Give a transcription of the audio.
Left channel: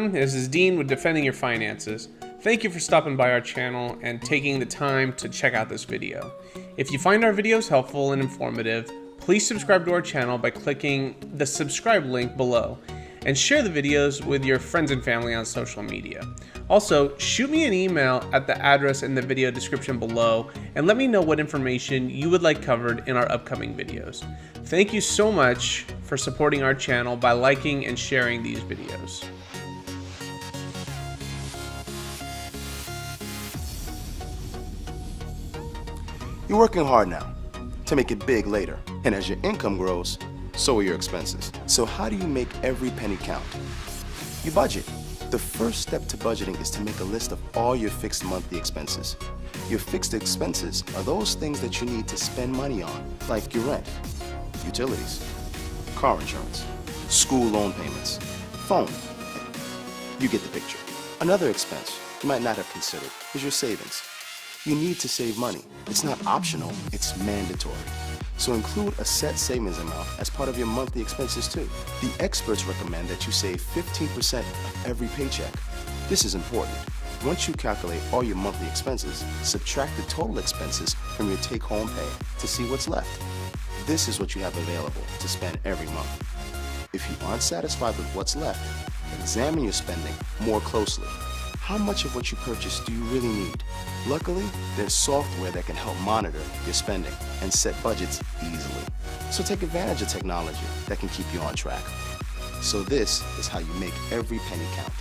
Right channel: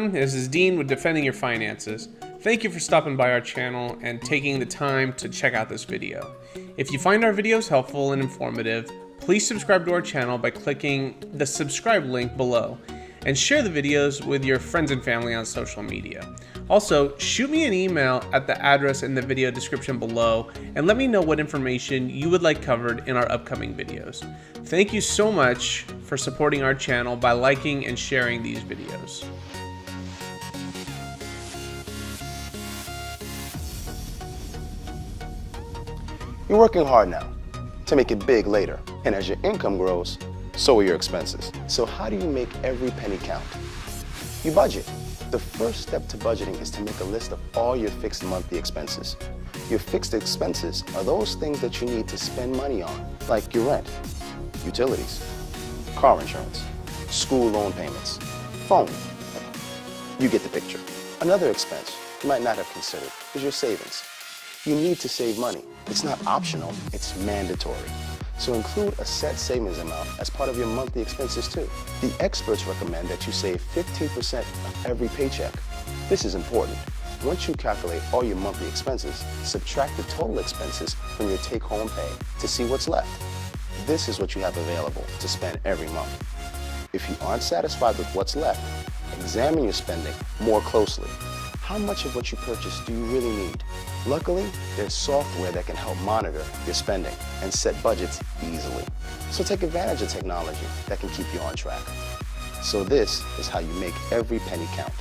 everyone, this is Dean with Defending Your Finances. Thank you for stopping by our channel and taking the time to check out this video. If you find our videos helpful and informative, please subscribe to our channel by clicking the subscribe link below and share the videos with your friends and family on social media. Also, shoot me an email at the address in the video description below and let me know what information you would like covered in our upcoming videos. Thank you so much for supporting our channel by liking and sharing these videos. You're working hard now to make it big later, and as your income grows, so are your expenses. So how do you make every penny count? You budget. The first step to budgeting is to make a list of all your fixed monthly expenses. Your fixed expenses are those things that you need to spend money on, like your rent, utilities, car insurance, school loan payments, phone. You get the picture. Another expense you might not have considered is your savings. You need to save money. It's not optional, it's mandatory. So include a set savings amount as part of your monthly expenses too. The experts recommend that you save 15% of every paycheck. This is important. Once you calculate all your monthly expenses, subtract the total expenses from your take-home pay to see what's left. This is what you have available to spend every month. If you aren't satisfied with what's left, examine your spending more closely. How much of what you purchase do you really need? Luckily, there's software that can help monitor your spending and set budgets easily. So take advantage of technology that can keep you on track. So this is how you make every penny count.